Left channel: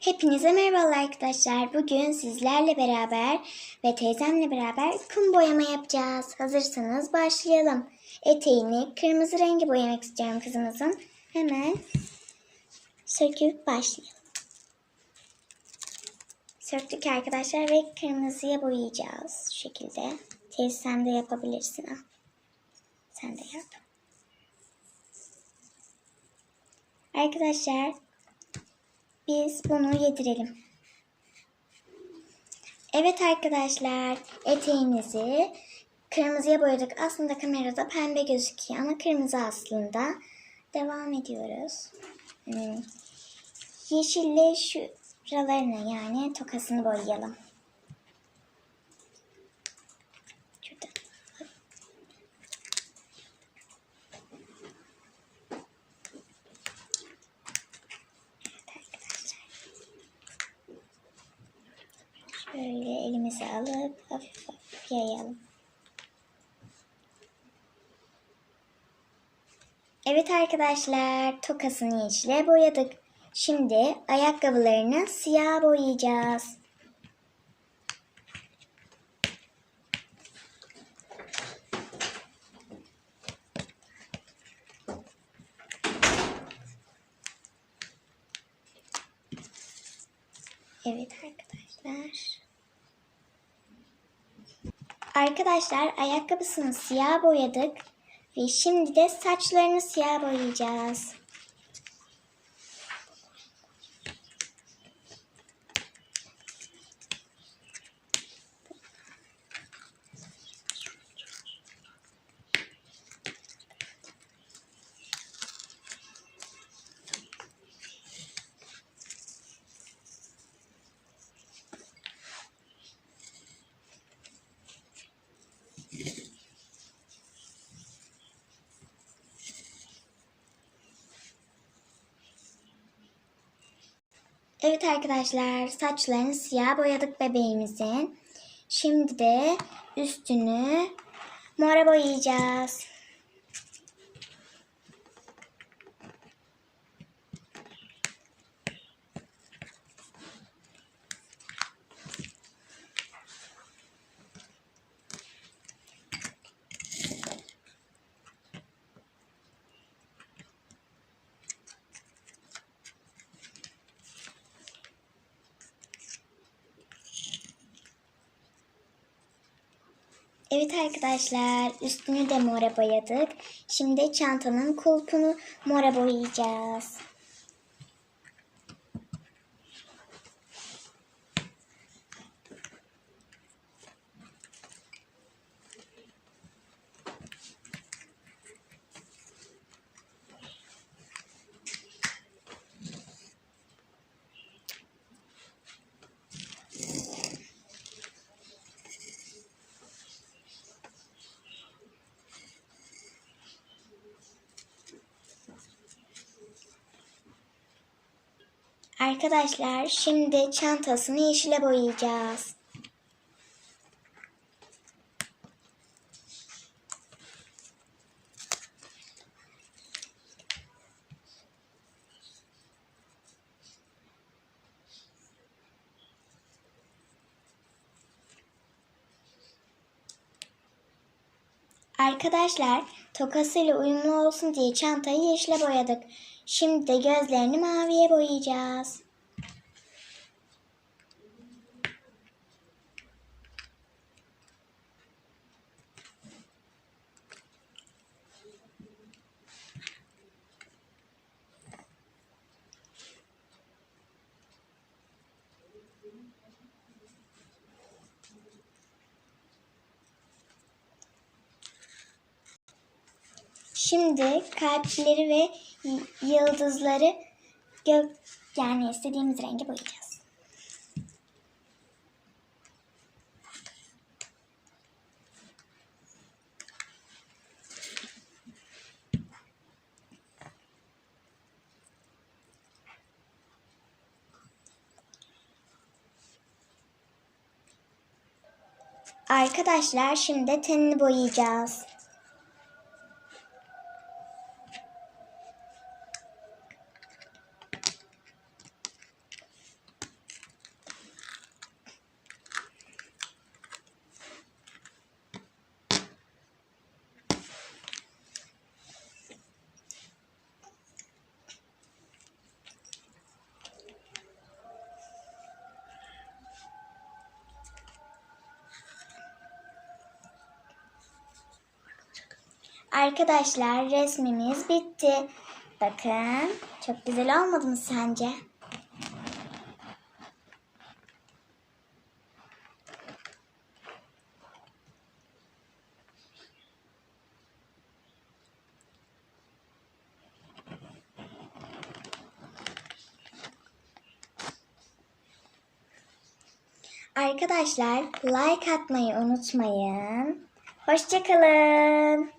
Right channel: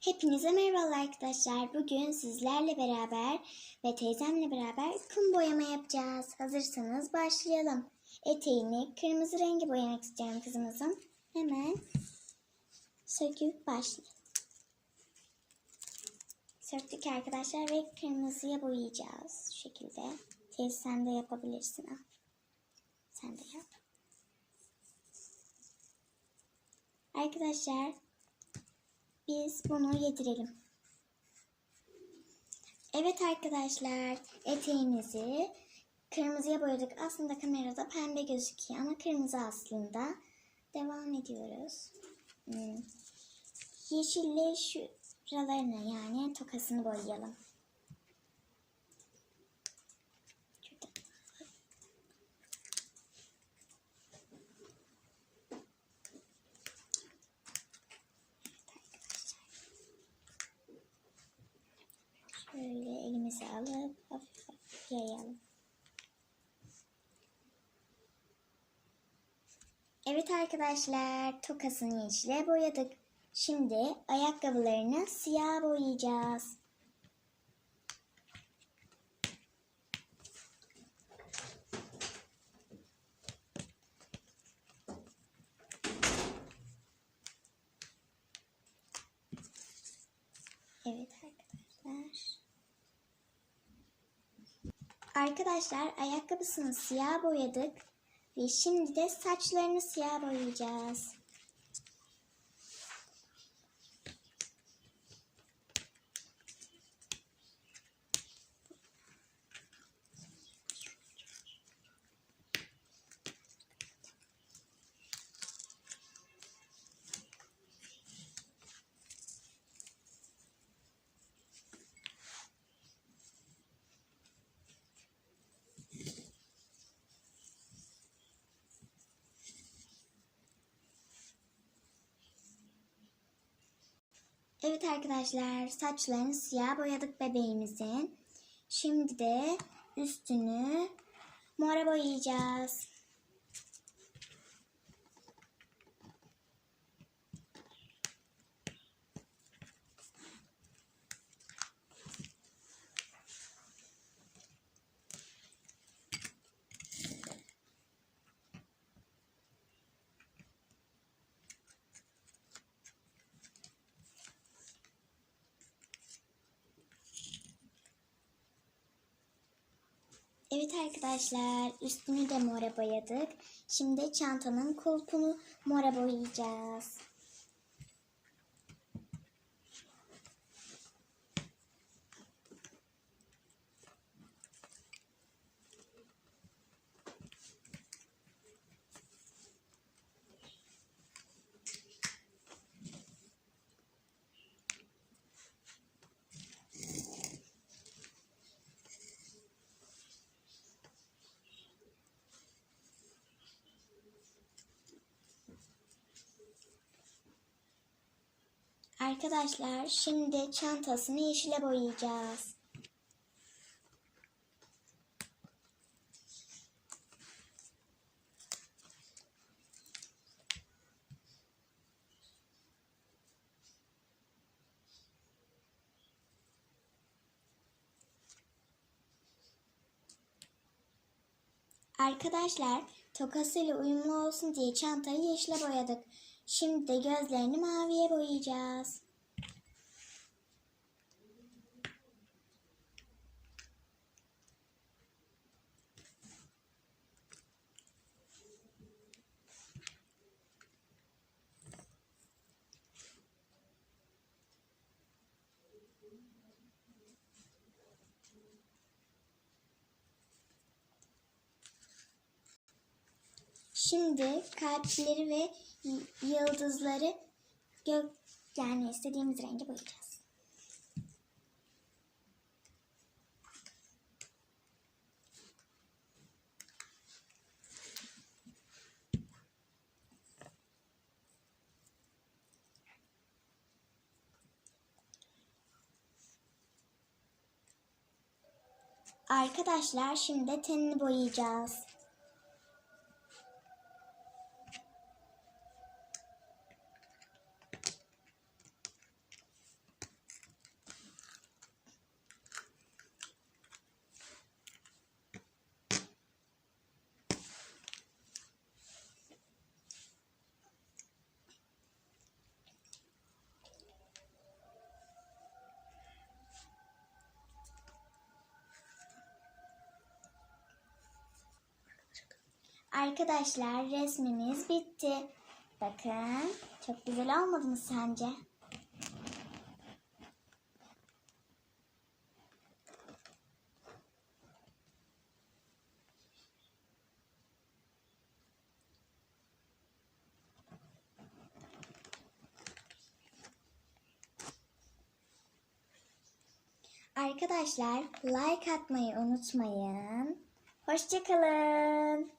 Hepinize merhabalar arkadaşlar. Bugün sizlerle beraber ve teyzemle beraber kum boyama yapacağız. Hazırsanız başlayalım. Eteğini kırmızı rengi boyamak istiyorum kızımızın. Hemen söküp başlayalım. Söktük arkadaşlar ve kırmızıya boyayacağız şu şekilde. Teyze sen de yapabilirsin. Al. Sen de yap. Arkadaşlar biz bunu yedirelim. Evet arkadaşlar eteğimizi kırmızıya boyadık. Aslında kamerada pembe gözüküyor ama kırmızı aslında. Devam ediyoruz. Hmm. Yeşille şuralarına yani tokasını boyayalım. Şuradan. Evet arkadaşlar. Şöyle elimizi alıp hafif hafif yayalım. Evet arkadaşlar tokasını yeşile boyadık. Şimdi ayakkabılarını siyah boyayacağız. Evet arkadaşlar. Arkadaşlar ayakkabısını siyah boyadık. Ve şimdi de saçlarını siyah boyayacağız. Evet arkadaşlar saçlarını siyah boyadık bebeğimizin. Şimdi de üstünü mora boyayacağız. Evet arkadaşlar üstünü de mora boyadık. Şimdi çantanın kulpunu mora boyayacağız. Arkadaşlar şimdi çantasını yeşile boyayacağız. Arkadaşlar tokasıyla uyumlu olsun diye çantayı yeşile boyadık. Şimdi de gözlerini maviye boyayacağız. Şimdi kalpleri ve yıldızları gök yani istediğimiz rengi boyayacağız. Arkadaşlar şimdi tenini boyayacağız. Arkadaşlar resmimiz bitti. Bakın çok güzel olmadı mı sence? Arkadaşlar like atmayı unutmayın. Hoşçakalın.